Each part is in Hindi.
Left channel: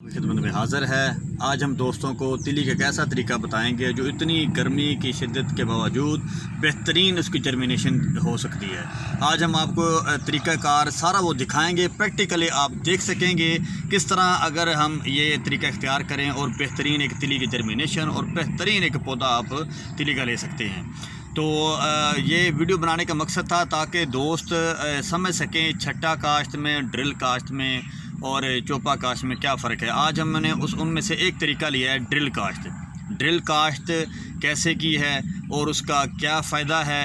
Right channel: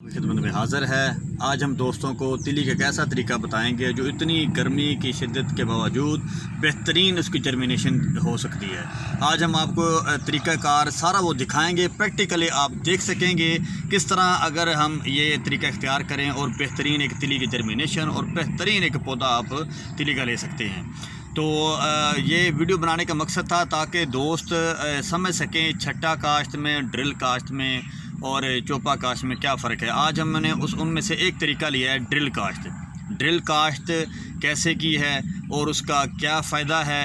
खिदमत में हाज़िर है। आज हम दोस्तों को तिली का ऐसा तरीका बताएंगे जो इतनी गर्मी की शिद्दत के बावजूद बेहतरीन उसकी जर्मिनेशन हो सकती है। आज हम आपको तरीक़ाकार सारा वो दिखाएंगे, प्रैक्टिकली आप देख सकेंगे किस तरह अगर हम ये तरीका इख्तियार करें और बेहतरीन एक तिली की जर्मिनेशन और बेहतरीन एक पौधा आप तिली का ले सकते हैं। तो ये वीडियो बनाने का मकसद था ताकि दोस्त समझ सकें छट्टा काश्त में, ड्रिल काश्त में और चोपा काश्त में क्या फ़र्क है। आज हमने उनमें से एक तरीका लिया है ड्रिल काश्त। ड्रिल काश्त कैसे की है और उसका क्या फ़ायदा है,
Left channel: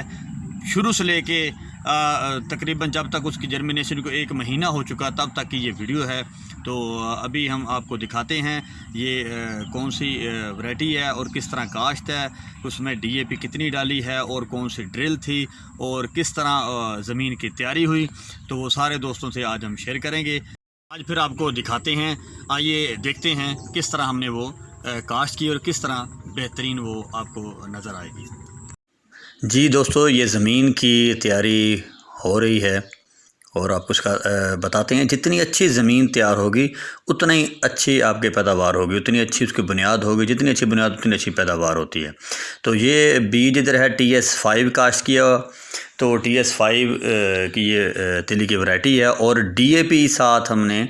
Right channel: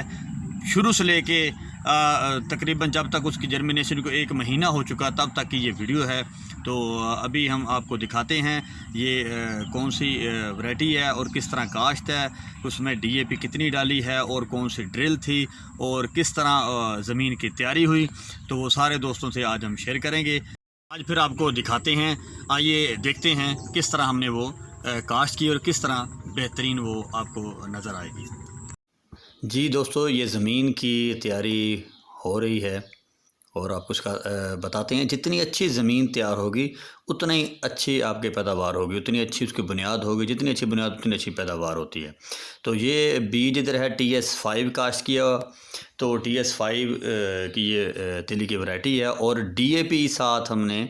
शुरू से लेके तकरीबन जब तक उसकी जर्मिनेशन को 1 महीना हो चुका तब तक की ये वीडियो है। तो अभी हम आपको दिखाते हैं ये कौन सी वैरायटी है और किस तरह काश्त है, उसमें डीएपी कितनी डाली है और कौन सी ड्रिल थी और किस तरह ज़मीन की तैयारी हुई। तो वो सारे दोस्तों से आज हम शेयर करेंगे। आज फिर आपको दिखाते हैं, आइए देखते हैं किस तरह हमने वो काश्त की और किस तरह बेहतरीन वो आपको नज़र आएगी। जी दोस्तों, ये ज़मीन की तैयारी हो रही है और आपको उसका बताते हैं। जितनी अच्छी ज़मीन तैयार होगी उतना ही अच्छी आपकी पैदावार होगी, उतनी अच्छी उसकी बुनियाद होगी। जितनी अच्छी बुनियाद उतनी अच्छी पैदावार होती है। तो ये बीज इधर है TS5 काश्त किया, तो TS5 की ये तिली की वैरायटी है और DAP साथ हमने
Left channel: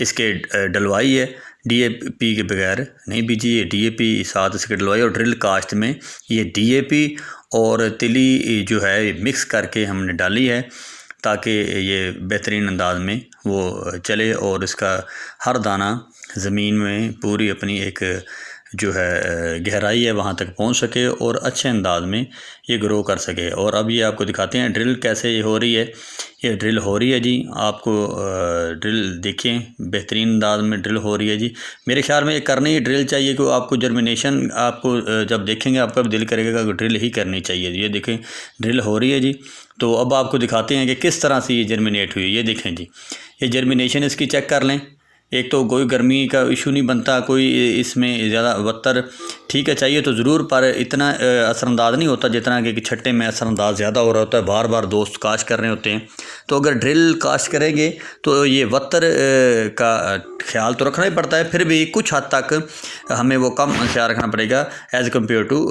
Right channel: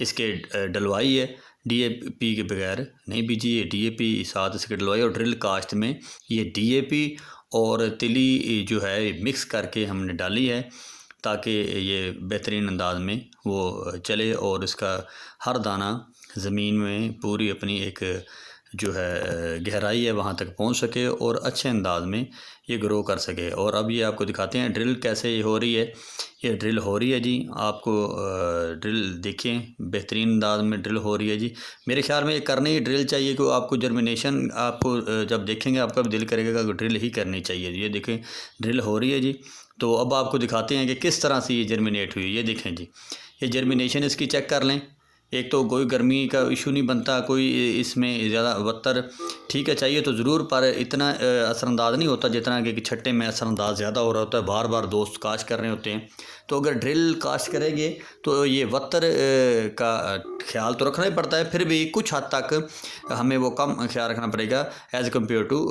इसके डलवाई है। DAP के बगैर नहीं बीजी, ये DAP साथ इसके डलवाई और ड्रिल काश्त में ये DAP और तिली जो है मिक्स करके हमने डाली है ताकि ये बेहतरीन अंदाज में वो चले और इसका हर दाना ज़मीन में पूरी अपनी एक जो है गहराई है वहाँ तक पहुँच सके और अच्छे अंदाज में ये ग्रो कर सके। और अब ये आपको दिखाते हैं ड्रिल कैसे ये हो रही है। ये ड्रिल हो रही है जी, आपको ड्रिल देखें, बेहतरीन अंदाज में ड्रिल हो रही है जी। मेरे ख्याल में ये करनी ही ड्रिल चाहिए कि आपको जर्मिनेशन आपको जब देखेंगे आपका भी दिल करेगा कि ड्रिल ही करनी चाहिए। ये देखें ड्रिल हो रही है जी। तो अब आपको दिखाते हैं कि किस तरह से ये जर्मिनेट हुई। ये देखें जी, ये जर्मिनेशन इसकी चेक कर लें। एक तो कोई गर्मी का इशू नहीं बनता, कोई इसमें ज़्यादा वत्तर ठीक है चाहिए तो ज़रूर, पर इतना असरअंदाज नहीं होता जितना कि छट्टे में असरअंदाज ज़्यादा हो रहा होता है। बार बार दोस्त काश्त कर रहे होते हैं, तो अगर ड्रिल काश्त करेंगे तो ये वत्तर का ख्याल तो रखना ही पड़ता है, फिर भी कुछ हद तक हमें वो कम ख्याल रखना पड़ेगा एज़ कम्पेयर टू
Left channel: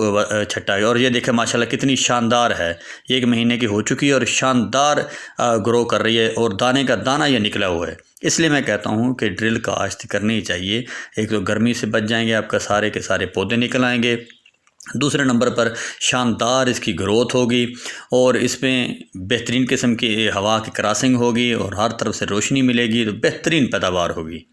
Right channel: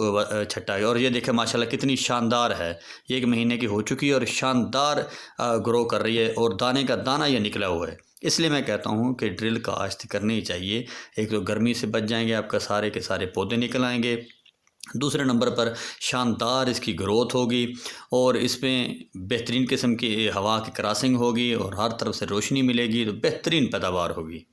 छट्टा। और ये देखें माशाल्लाह कितनी शानदार है, 1 महीने की हो चुकी है और शानदार ग्रो कर रही है और दाने का दाना ये निकला हुआ है। इसलिए मैं कहता हूँ कि ड्रिल काश्त करनी ही चाहिए। एक तो गर्मी से बच जाएंगे, आपका सारे के सारे पौधे निकल आएंगे। दूसरे नंबर पर शानदार इसकी ग्रोथ होगी और इसमें बेहतरीन किस्म की हवा की क्रॉसिंग होगी और हर तरफ से रोशनी मिलेगी, तो बेहतरीन पैदावार होगी।